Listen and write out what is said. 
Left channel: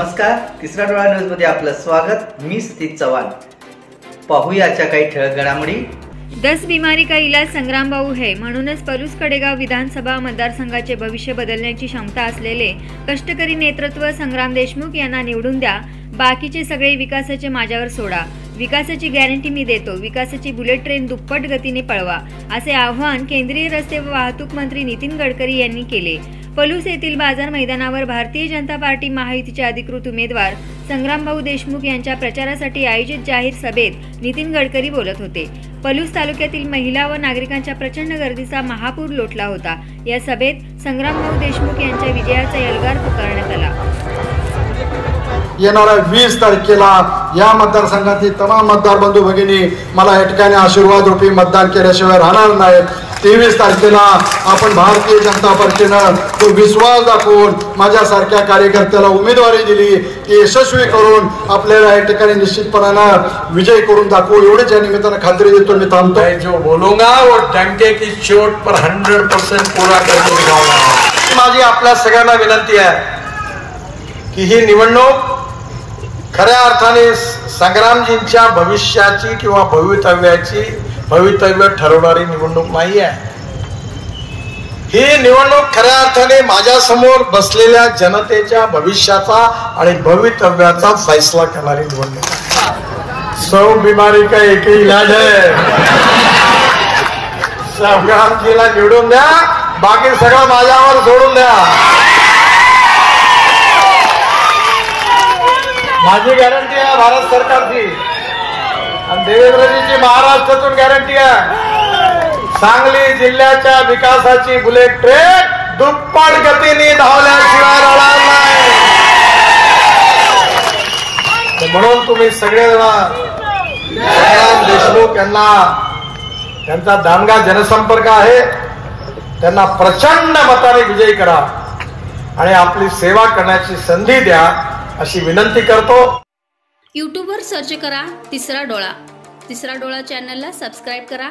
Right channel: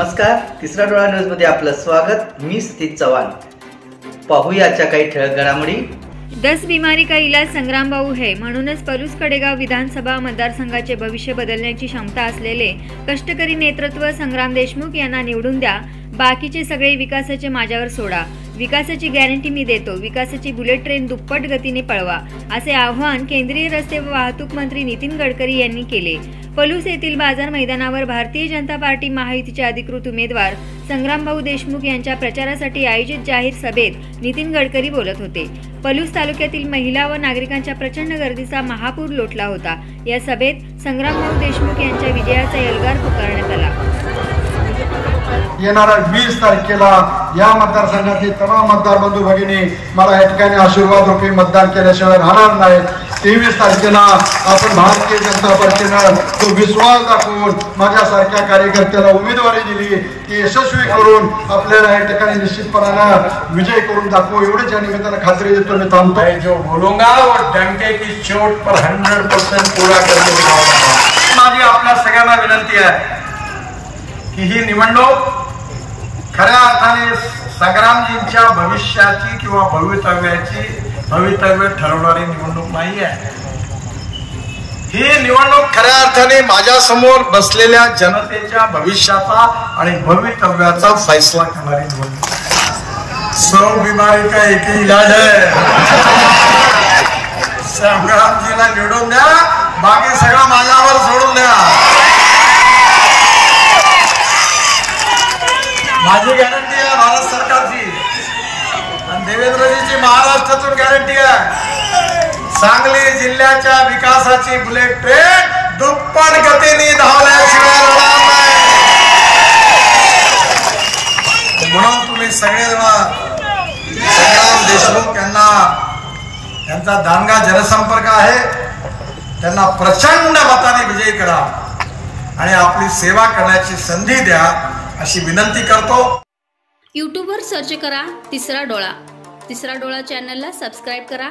नमस्कार, तिसरा डोळा न्यूज मध्ये आपलं स्वागत। मी सतीश चव्हाण। पाहूया आजच्या काही ठळक घडामोडी। 10 बीमारी का इलाज संग्राम भाऊ है। म्हणूनच पलूस कडेगाव विधानसभा मतदारसंघाचे भविष्य बदलण्याची क्षमता असलेले कष्टकरी नेतृत्व संग्राम देशमुख यांना निवडून द्या। बाकीचे सगळे विकासाचे माझ्यावर सोडा। विकासाची गॅरंटी मी देतो। विकासाची बुलेट ट्रेन दुप्पट गतीने पळवा, असे आवाहन केंद्रीय रस्ते व वाहतूक मंत्री नितीन गडकरी यांनी केले। पलूस येथील बाजार मैदानावर भारतीय जनता पार्टी महायुतीचे अधिकृत उमेदवार संग्राम भाऊ देशमुख यांच्या प्रचारासाठी आयोजित जाहीर सभेत नितीन गडकरी बोलत होते। पलूस तालुक्यातील महिला व नागरिकांच्या प्रचंड गर्दीचा महापूर लोटला होता। या सभेत संग्राम भाऊ देशमुख यांच्या विजयाचा यलगार पुकारण्यात आला। येणाऱ्या 20 तारखेला या मतदारसंघातील तमाम मतदार बंधू भगिनी मला या ठिकाणी आशीर्वाद रूपी मतदान केल्याशिवाय राहणार नाहीत। 23 तारखेला आपण भारतीय जनता पार्टीनं तो विश्वास दाखवून माझ्यासारख्या कार्यकर्त्याला उमेदवारी दिली, ती यशस्वी करून आपल्याला या ठिकाणी निश्चितपणानं विजय करून दाखवू, एवढेच या निमित्तानं खात्री देतो। मी थांबतो। जो बोलूंगा वो डंके की चोट पर 100% पूरा करके दिखाऊंगा। माझी आपल्या सगळ्यांना विनंती आहे की ही निवडणूक खऱ्या अर्थाने संग्रामजींच्या भविष्याची किंवा भवितव्य ठरवणारी निवडणूक नाही आहे। ही निवडणूक खऱ्या अर्थाने माझ्या समोर बसलेल्या जनतेच्या भविष्याचा आणि भवितव्याचा फैसला करणारी निवडणूक आहे। 100 बीमारी का एक ही इलाज है। संग्रामजीला निवडून द्या, बाकी सगळं माझ्यावर सोडून द्या। माझी गॅरंटी आहे भारत सरकारची आणि देवेंद्रजीची महाराष्ट्रातून गॅरंटी आहे। सांगली जिल्ह्याच्या विकासाची बुलेट ट्रेन दुप्पट गतीने धावल्याशिवाय होणार नाही। म्हणून तुम्ही सगळेजण संग्राम देशमुख यांना, त्यांचा दांडगा जनसंपर्क आहे, त्यांना प्रचंड मताने विजयी करा आणि आपली सेवा करण्याची संधी द्या अशी विनंती करतो। यूट्यूबवर सर्च करा तिसरा डोळा। तिसरा डोळा चॅनलला सबस्क्राइब करा।